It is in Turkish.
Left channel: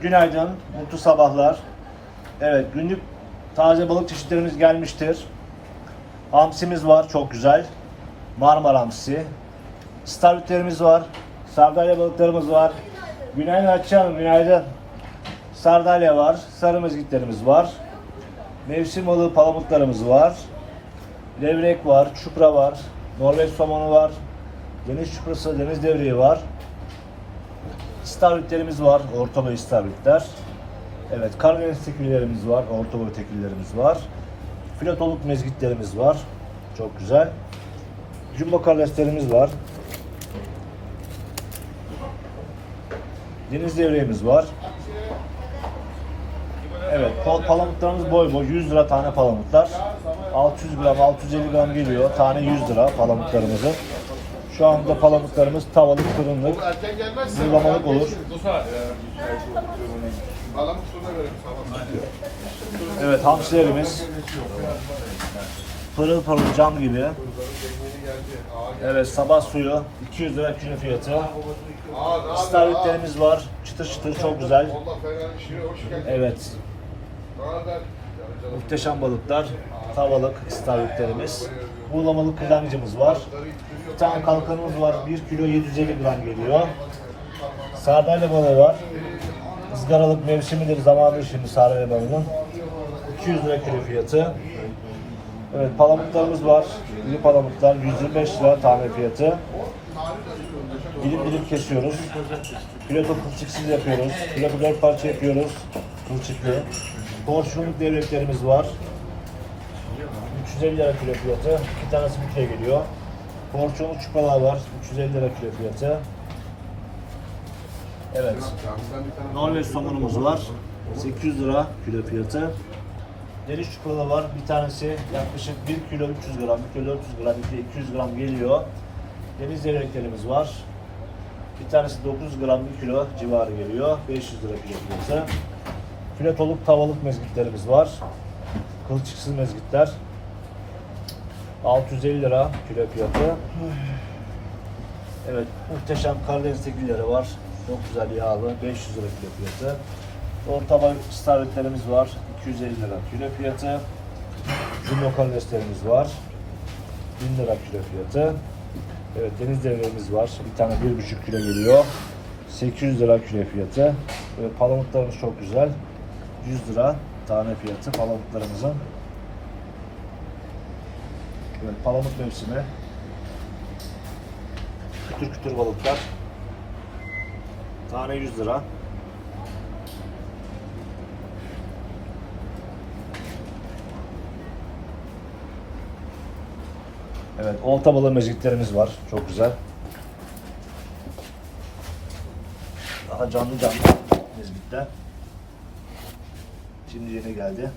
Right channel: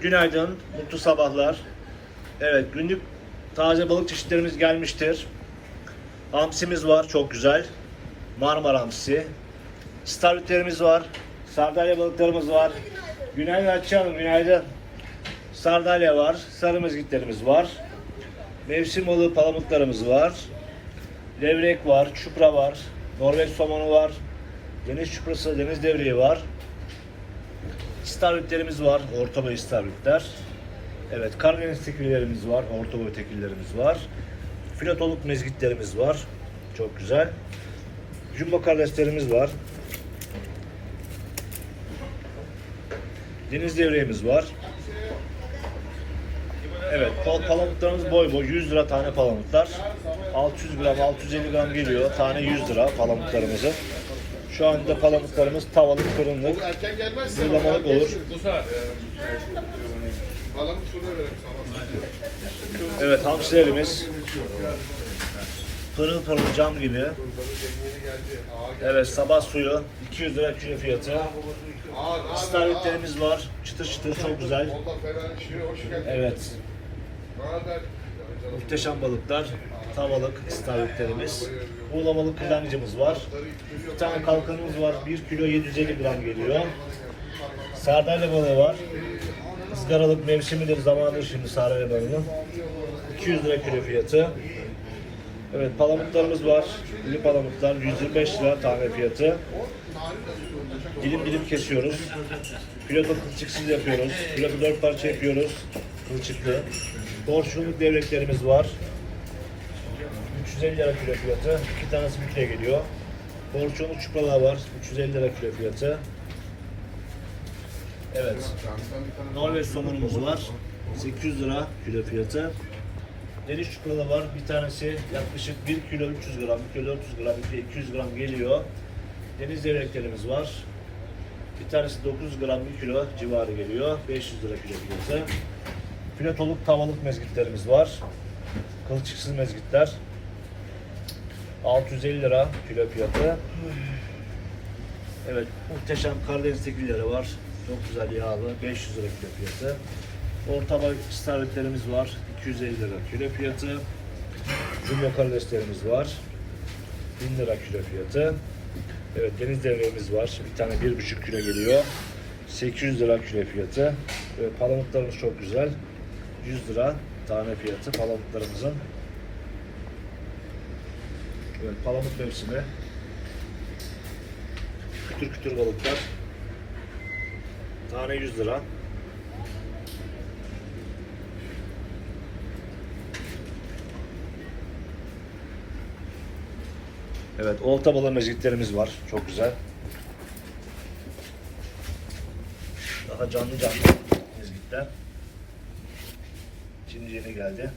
Günaydın, mutlu sabahlar. Evet, günlük taze balık çeşitlerimiz gelmiştir. Hamsimiz var, çok güzel. Marmara hamsisi. Starvitlerimiz var. Sardalya balıklarımız var. Günaydın Hatice Hanım, günaydın. Sardalya var, sarı mezgitlerimiz var. Mevsim balığı palamutlarımız var. Levrek var, çupra var. Norveç somonu var. Deniz çuprası, deniz devreği var. İstavritlerimiz var, orta boy istavritler. Evet, Karadeniz tekillerimiz var, orta boy tekillerimiz var. Filatoluk mezgitlerimiz var. Çok güzel. Jumbo karideslerimiz var. Deniz devreğimiz var. Evet, pal palamutlarımız boy boy 100 lira tane palamutlar. 600 gram, 650 gram geliyor. Tane 100 lira palamutlarımızın. Şu anda palamutlarımız tavalık, fırınlık, Erken gelmezse Zırlamalık olur. Alan sonra verelim sağ Evet hamsilerimiz pırıl pırıl cam gibi. Evet sabah suyu 200 lira kilo fiyatı. İstavritlerimiz var. Çıtır çıtır çok güzel. Allah fena bir şey yok. Hoş geldin. Evet Beraber. muhteşem balıklar. Tavalık istavritlerimiz. Buğulamalı kırlangıcımız var. Bir tane kalkanımız var. 1 kilo 750 gram geliyor. Sardalya balığı var. Izgaralık mevsimidir, zamanıdır şimdi sardalya balığının. 200 lira kilo fiyatı. Evet palamutlarımız var. İri palamutlar 125 lira tane fiyatı. Dilim dilim kesiyoruz. Piloto kılçıksız yapıyoruz. Piloto 4 parça yapıyoruz. Kılçıklı. Porsiyonluk devreklerimiz var. 350 lira kilo fiyatı. İki tanesi kilo geliyor. Porsiyonluk çupralar var. 350 lira kilo fiyatı. Evet. Norveç somonumuz var. 800 lira kilo fiyatı. Deniz çupralı var. Bir tanesi yaklaşık 1 kilo 300 gram, 1 kilo 400 gram, 1 kilo 200 gram geliyor. Deniz devreklerimiz var. Bir tanesi 900 gram 1 kilo civarı geliyor. 500 lira kilo fiyatı. Filetoluk tavalık mezgitlerimiz var. Kılçıksız mezgitler. 650 lira kilo fiyatı. Evet, muhteşem Karadeniz tekilleri var. Çok güzel yağlı, 500 lira kilo fiyatı. Orta boy istavritlerimiz var, 250 lira kilo fiyatı. Jumbo karideslerimiz var, 1000 lira kilo fiyatı. Evet, deniz devreğimiz var. Bir tane 1,5 kilo geliyor. 800 lira kilo fiyatı. Ve palamutlarımız çok güzel. 100 lira tane fiyatı palamutlarımızın. Evet, palamut mevsimi. Kütür kütür balıklar. Tane 100 lira. Evet, olta balığı mezgitlerimiz var. Çok güzel. Daha canlı canlı mezgitler. Şimdi yeni geldi.